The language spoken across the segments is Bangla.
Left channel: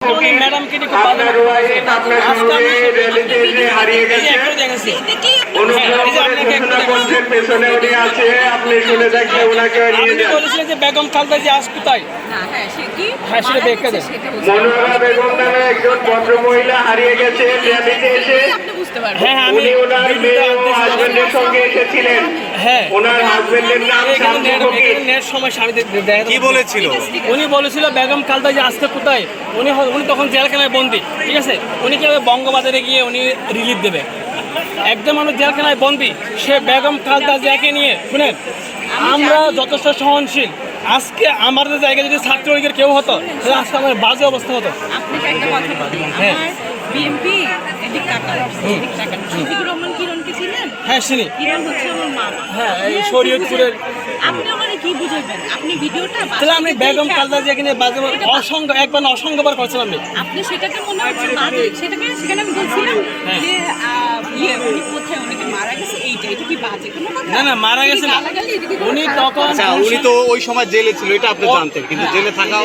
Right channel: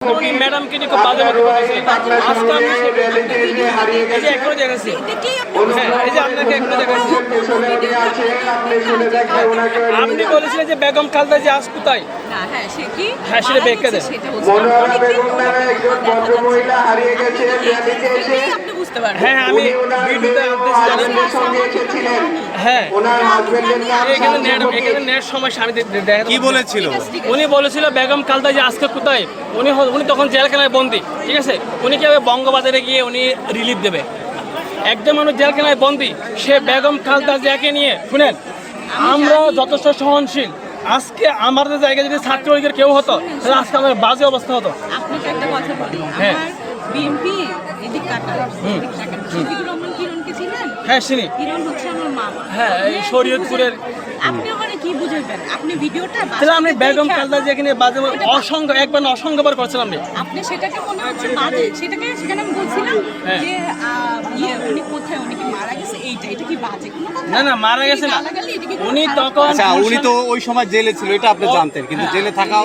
উনি ম্যাডামকে নিয়ে খুব বাজে আজকে আমি একটু দেখাচ্ছি অনুগ্রহ এই যে করে আপনাকে একটু ঘোষণা করছেন পেছনে উনি আছে আপনি বলেছিলেন যে বেগম খালদা যে আজ কোথায়? হ্যাঁ, সেটা ব্যাখ্যা দেন। মনোহরা বেগম নামে একজন ভদ্র মহিলা হারিয়ে গেছে র্যালিতে এসে হ্যাঁ হ্যাঁ, আমি উনি ওনার মেয়ে ও হাজবেন্ডের সঙ্গে এসেছিলেন। হ্যাঁ। ওনার হাজবেন্ডের নাম নেট দে- দেখাতে কি বলেছিল? উনি বলেছিল বেগম খালদা যে আজকে কোথায়? উনি উনি তখন জেলখানায় বন্দি ঠিক আছে? উনি কীভাবে বঙ্গবাজারে গিয়ে উনি রিলিফ দেবে? একদম মানুষ জেলখানায় বন্দি সে বেগম খালদা জিয়াকে নিয়ে শুনেন আমরা যথেষ্ট সহনশীল। আজকে আমাদের জায়গায় যদি ছাত্রলীগের কেউ হতো তাহলে আজকে আমাদের বাজে অবস্থা হতো। আপনাকে একটা কথা বলি। হ্যাঁ। আমার বিএমপি এদিক তাকান। এদিক তাকান। রহমান কিরণ কি ছিলেন হ্যাঁ শুনি কিরণ হচ্ছে হ্যাঁ, এই শরীয়তপুরের- আপনি আমার কি বুঝাইবেন? আপনি ভিডিওটা তাহলে আপনি বেগম দেখে- খালদা বাজে অসংখ্য একবার অসংখ্যবার করছেন আপনি আপনি সেটাকে মনে হচ্ছে বাজে। সেটাকে সেখানে আমি বলছিলাম হ্যাঁ। যে ইয়ে উনি কোথায়? উনি মারা গেছে? এইটা এটা কি বাজে? কোনো কথা না না মারা গেছে না। গালাগালি, এটা কি কোনো উনি তখন উনি তো ওই সময় জেলে ছিল এটা আপনি জানতেন। কিন্তু জেলে থাকা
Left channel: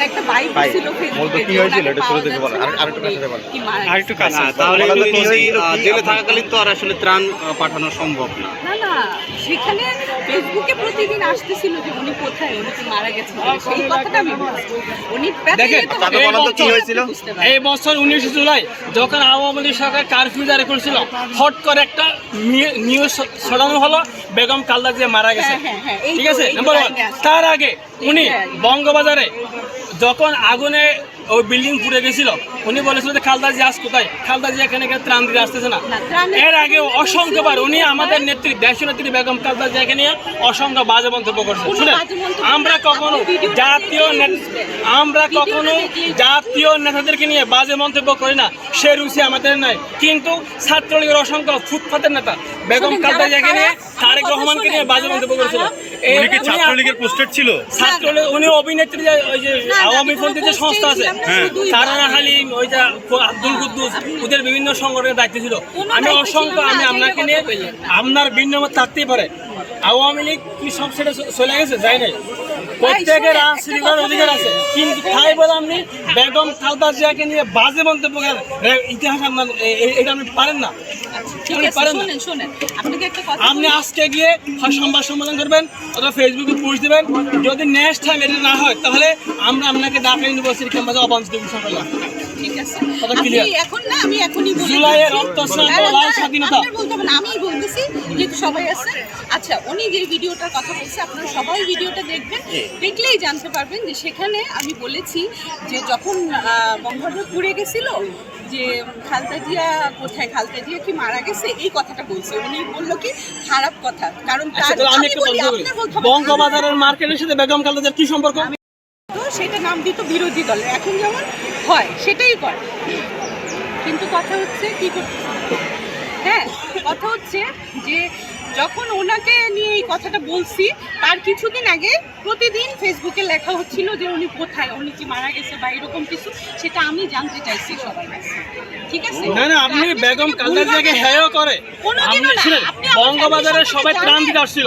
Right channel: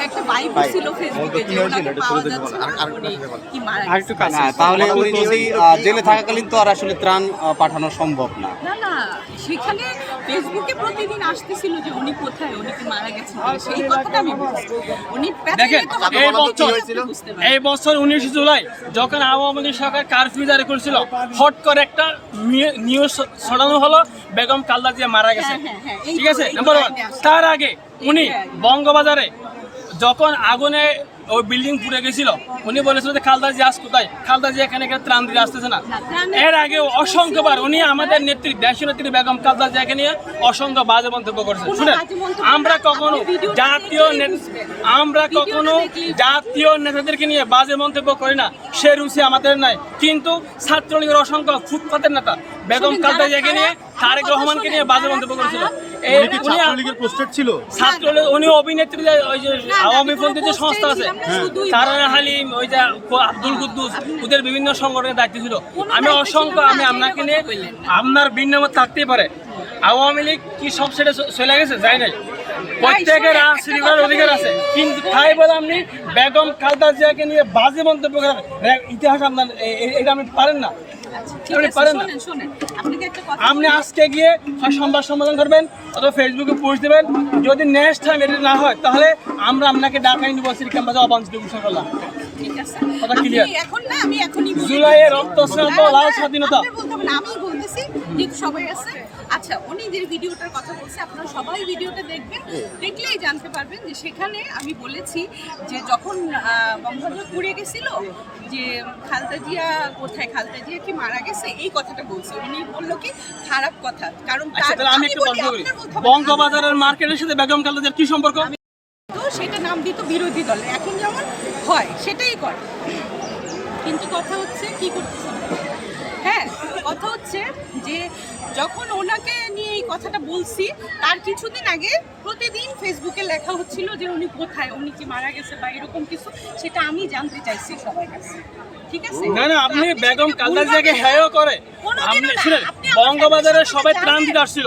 একটা বাইক ছিল ফেসবুকে। হ্যাঁ, তাহলে জেলে থাকাকালীন তো আর আসলে ত্রাণ পাঠানো সম্ভব না। সেখানে ফেসবুকে প্রতিদিন আসতেছিল যে উনি কোথায় উনি কি মারা গেছেন? সেই কথাটা আমি বলছি উনি দেখেন এই বছর এই বছর উনিশে জুলাই যখন আওয়ামী লীগ সরকার কারফিউ জারি করেছিল হট করে একটা নিউজ ছড়ানো হলো বেগম কালদা যে মারা গেছে। হ্যাঁ, হ্যাঁ, হ্যাঁ, এই ঠিক আছে? এই তো নাম্বার ওয়ান লাইনে আছে। তার আগে উনি হ্যাঁ। বঙ্গবাজারে যখন আগুনে ওই বিল্ডিং পুড়ে গেছিল। উনি বলেছিল যে খালদা জিয়াস কোথায়? খালদা জিয়া এখানে ত্রাণ দিতে আসতেছে না? এর আগে অসংখ্যবার উনি আমাদের নেত্রী দেশীয় নেত্রী বেগম খালদা জিয়াকে নিয়ে অসংখ্য বাজে মন্তব্য বাজে মন্তব্য আমরা কখনো জাতীয় আমরা কখনো জাতীয় নেতাদেরকে নিয়ে বাজে মন্তব্য করি না। সে রুচি আমাদের নাই। কিন্তু ছাত্রলীগের অসংখ্য ফুটপাতের নেতা বেগম যারা জিয়াকে নিয়ে তারেক রহমানকে নিয়ে বাজে মন্তব্য করেছিল। উনি কি ছাত্রলীগের পোস্টেড ছিল? ছাত্রলীগ উনি অভিনেত্রী যে ওই যে আওয়ামী পন্থী যে সংস্থা আছে। বাজে। হালিম ওই যে আব্দুল কুদ্দুস ওদের বিভিন্ন সংগঠনের দায়িত্ব ছিল। আমি অসংখ্য আমি আপনাকে নিয়ে। আপনার ভিন্ন মত থাকতেই পারে। আওয়ামী লীগ কি সব সেটা চলে গেছে? যাই নাই। প্রত্যেকের কথা অধিকার আছে। কিন্তু তাই বলে আপনি বেগম খালদা জিয়াকে নিয়ে বাজে মন্তব্য করেন। ইতিহাস আপনার এটা আপনি পারেন না। আপনি কথা আপনি। আজকে গিয়ে হয় সংবাদ সম্মেলন করবেন অথবা ফেসবুকে পোস্ট দেবেন। যদি নেক্সট টাইম এটা না হয় তাহলে আমরা আপনাকে ঢাকা ইউনিভার্সিটি ক্যাম্পাসে অবাঞ্ছিত ঘোষণা করলাম। ঠিক আছে। কথা আপনি clear? এখন না, আমি এখনই জুলাইয়ের দিচ্ছি। রক্ত স্নাত না, না, লাল স্বাধীনতা। বলতে হবে না, আমিই বলতেছি, যেহেতু সবাই আছে। আচ্ছা উনি যে ভিডিওটার কথা বলছে আপনারা সবাই ভিডিওটা দেখবেন দেখলেই জানতে পারবেন যে সেখানে আমি বলেছি যে যখন বঙ্গবন্ধু পুড়ে গেছিল যে খালতা জিয়া কোথায় খালতা জিয়া কি মারা গেছে এই কথাটা বলছে উনি বলল কি খারাপ কথা কারণ আচ্ছা আমি একটা বলতে বঙ্গবাজারের মার্কেটের সাথে বেগম জিয়ার কি সম্পর্ক সেটা নাম দিত বিরোধী দল এখন যেমন হয় সেটাই করে। কিন্তু কথা হচ্ছে কি করতেছে হ্যাঁ কথা হচ্ছে যে যখন ওনাকে নিয়ে এই কথাটা বলছি তার কিছুদিন আগে প্রতিদিন ফেসবুকে লেখা হচ্ছিল যে উনি কোথায় উনি কি মারা গেছে বা এরকম কিছু সেটা আমি জানতে চাইছি সবার কাছে। ঠিক আছে? না না আপনি বেগম ভুলভাবে- জিয়াকে হেয় করে। আপনি শুনেন বঙ্গবাজারে সবাই ত্রাণ দিতে আসছিল।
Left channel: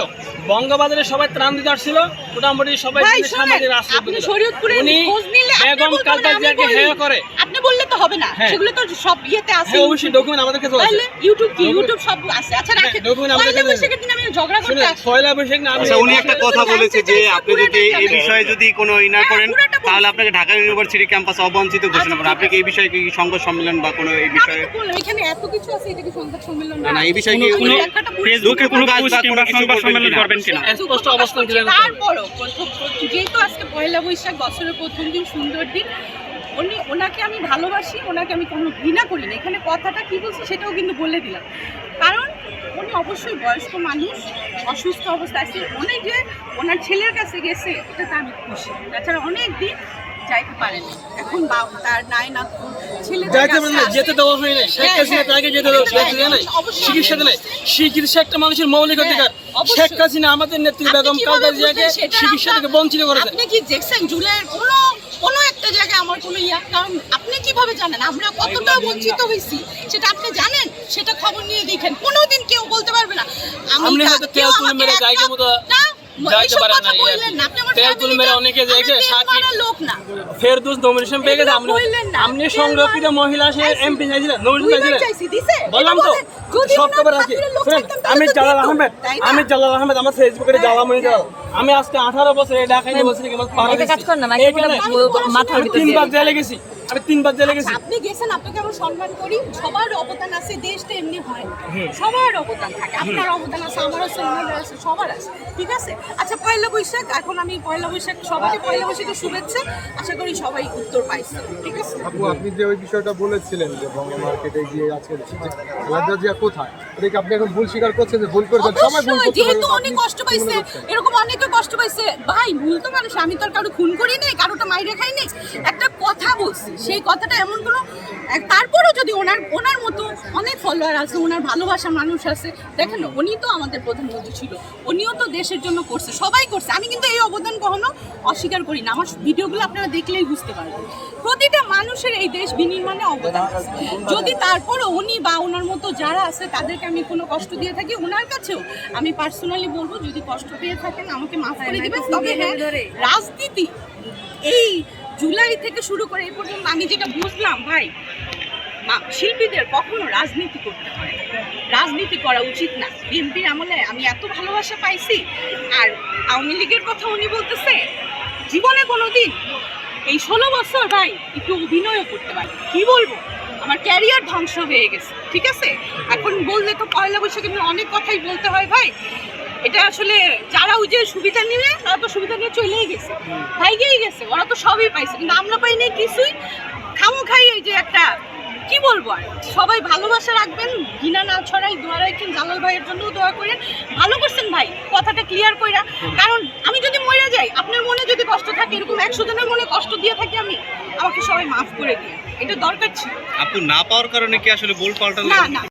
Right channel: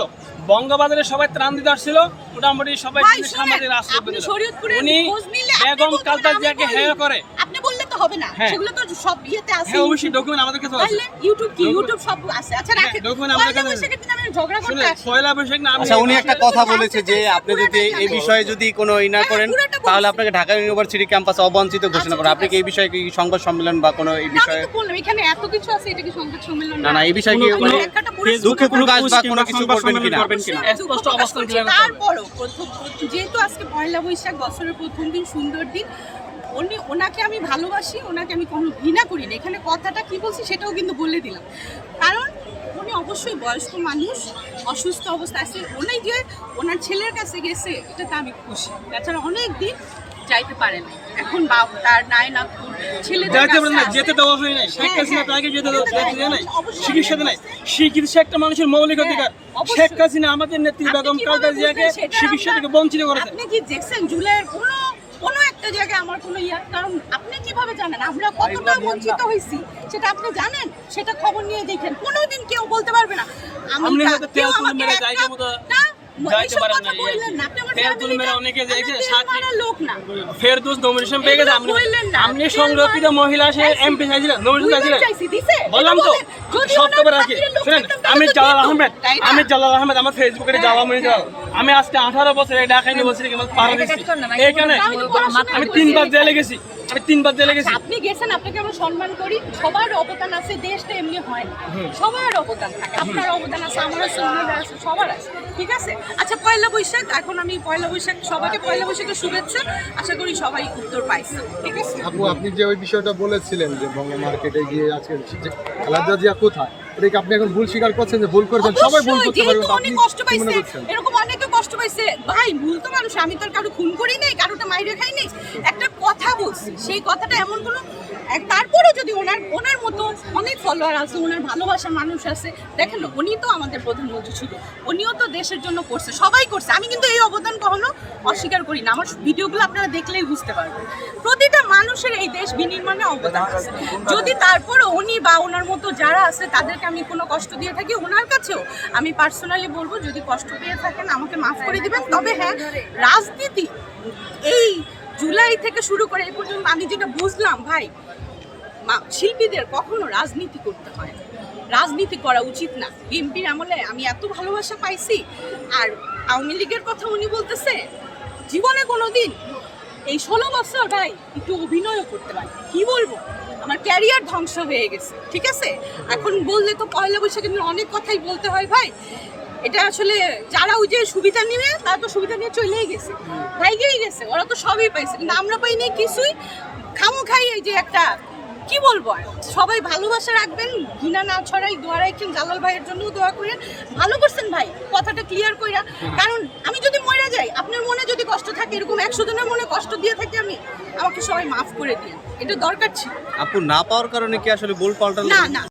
বঙ্গবাজারে সবাই ত্রাণ দিতে আসছিল। মোটামুটি সবাই সামাজিক রাষ্ট্র উনি বেগম বলতে খালদা পারেন, আমি জিয়াকে হেয় করে। আপনি হবে না। হ্যাঁ। সেগুলো তো সব ইয়েতে আছে হ্যাঁ অবশ্যই ডকুমেন্ট আমাদের কাছে আছে। তাহলে ইউটিউব কি ইউটিউব সব আছে। আচ্ছা হ্যাঁ, রাখেন document আমাদের কাছে আছে। বৈশাখের দিন আমি ঝগড়া করতে আসি পয়লা বৈশাখ না আচ্ছা উনি একটা কথা বলেছে যে আপনি যদি এই বিষয়ে যদি কোনো ই হ্যাঁ, করেন তাহলে আপনাকে ঢাকা ইউনিভার্সিটি ক্যাম্পাসে অবাঞ্ছিত ঘোষণা করেন। ঠিক আপনি কি এই বিষয়ে কি সংবাদ সম্মেলন বা কোনো এই বিষয়ে তো বললাম, এখানে এত কিছু আছে এটা কি সংবাদ সম্মেলন না? না এই বিষয়ে কি কোনো- ফেসবুকে কোনো কাজ বা কোনো কিছু করবেন কিনা? স্পষ্ট অবস্থান ক্লিয়ার করতে তারপরও যেহেতু আজকে পয়লা বৈশাখ বছরের প্রথম দিন সুন্দর দিন উনি ওনাকে আমি ভালোবাসি ওনাকে আমি কোনো ঘৃণা করি না। এখানে কথাটা কি বলছি সেটাও কিন্তু বলে দিলাম। কারণ উনি অবশ্যই বয়স্ক মানুষ অসুস্থ অবস্থা আছে। উনি যে ওনার ছেলের কাছে গেছে এটাতে আমি খুশি। তাছাড়া অনেক দিন যাইতে পারে না এখন বাপ তার নাই না ছেলে যাইতে পারেন না যেতে দেওয়া হয় শেখ হ্যাঁ, হাসিনা হ্যাঁ। তাকে যেতে দেওয়া নাই। নাই চিকিৎসা একটা মানুষের মৌলিক হ্যাঁ, অধিকার। অবশ্যই। শেখ হাসিনা আমাদের নেত্রী বেগম জিয়াকে চিকিৎসা থেকে বঞ্চিত করেছে। আপনি কি দেখছেন জুলাইয়ের কোনো কোনো একটা জায়গায় আমার কোনো ইয়া কারণ আপনি কীভাবে জানেন? আমরা কতটা বঞ্চিত হয়েছি সেটা আপনি জানেন? সেটা খবর নিয়ে দেখেন। কোনোদিন কেউ বলতে পারবে না। আমি কেউ আমাকে না যাইতে পারে না এই আর বললেন কি। না আপনি আমার তেল তুল ফ্যামিলিটা মেরে অনেকে যে আমরা তেল সাক্ষী মারা লোক না। ফেরদৌস নমিনেশন পেয়ে গেছে আপনি আপনি সংরক্ষিত মহিলা সে এমপি চাইছিলেন নমিনেশন দুইবার চাইছিলেন। বললাম তো সপ্তাহে রাখি। আমি জালাল আহমেদ আমি জালাল আহমেদ আমার ফেসবুকে হ্যাঁ। জালাল মনি জালাল। আমি আজকে আঠারো বছর ঢাকা ইউনিভার্সিটি বলো, আমি। তিনবার জেলে গেছি। আমি তিনবার জেলে গেছি। আচ্ছা, আপনি গেছেন আপনাকে আমরা সম্মান করি। সবার অবদান আছে দেশটা এমনি হয় না। সবার অবদান থাকে আপনার অবদান আছে আমার আছে আছে সবার আছে ঠিক আছে? আচ্ছা পয়লা বৈশাখ এখন আমি পয়লা বৈশাখ সবাইকে পয়লা বৈশাখের শুভেচ্ছা আশা করি সবাই উত্তর পাইছে ঠিক আছে? আপু আপনি যে ওই বিষয়টা বলেছিলেন যে বঙ্গ মার্কেটে গিয়ে আজকে জিয়া কোথায় এটা আপনি এখন ভুল স্বীকার করছেন যে ভুল করেছেন? সবাই ভুল করতে যেহেতু উনি কষ্ট পাইছে এরকম অনেকে কষ্ট পাইছে। ভাই ভুল তো মানুষ আমি তো কারও খুন করি নাই কারোটা মাইরে খাই নাই। একটা কথা বলছি সেই কথাটা এমন কোনো তারপরেও যদি ওনার ওনার মতো অনেক ফলোয়ার আছে ওনার ভালোবাসার মানুষ আছে দেখেন উনি তো আমাদের প্রধানমন্ত্রী ছিল উনিও তো দেশের জন্য করছে সবাই করছে। আমি কিন্তু এই অবদান কখনো অস্বীকার করি না আমার ভিডিওগুলো আপনারা দেখলেই বুঝতে পারবেন। প্রতিটা মানুষের এই দেশ বিনির্মাণে অবদান আছে। যদি তারপরে উনি বা ওনার মতো যারা আছে তাদেরকে আমি কোনো কষ্ট দিয়ে থাকি ওনার কাছেও আমি পার্সোনালি বলব যদি কষ্ট পেয়ে থাকেন আমাকে মাফ করে দেবেন। তবে হ্যাঁ রাজনীতি এই জুলাই থেকে শুরু করে এই পর্যন্ত আমি যেটা বুঝলাম ভাই শিল্পীদের কখনো রাজনীতি করতে হয় রাজনীতি করা উচিত না। বিএনপির আমলে আমি এত ভালোবাসা পাইছি আর আওয়ামী লীগের কথা উনি বলতেছে জীবনে কোনো দিন এই ষোলো বছর ভাই একটু অভিনয়ও করতে পারি। কি বলব? আমার ক্যারিয়ার ধ্বংস হয়ে গেছে, ঠিক আছে? এখন বললে তো পয়লা বৈশাখে অনেক কথাই বলতে হয় ভাই। এটা আসলে যারা ওই যে সুবিধা নিয়ে, তারা তো সুবিধা নিয়ে চলেই গেছে, ভাইগেই গেছে, ওরা তো সবই পাইছে। কিন্তু আমরা পাই নাই কিছুই। খামো খাই এই যে একটা, কি বলব আর? সবাই ভালোবাসা রাখবেন, ঘৃণা না ছড়াই, দোয়া রাখেন, জালাল ভাইয়ের জন্য দোয়া করেন। ভালো করছেন ভাই, কথাটা ক্লিয়ার কইরা। কারণ আমি যদি মরে যাই, আপনার মনে যদি কষ্ট থাকে, এরকম একশো জনের মনে কষ্ট দিয়ে থাকি আমি, আমাকে সবাই মাফ করে দিন। এটা দরকার ছিল। আপু না পাওয়ার কারণে কি আসলে গোল পাল্টালো না না।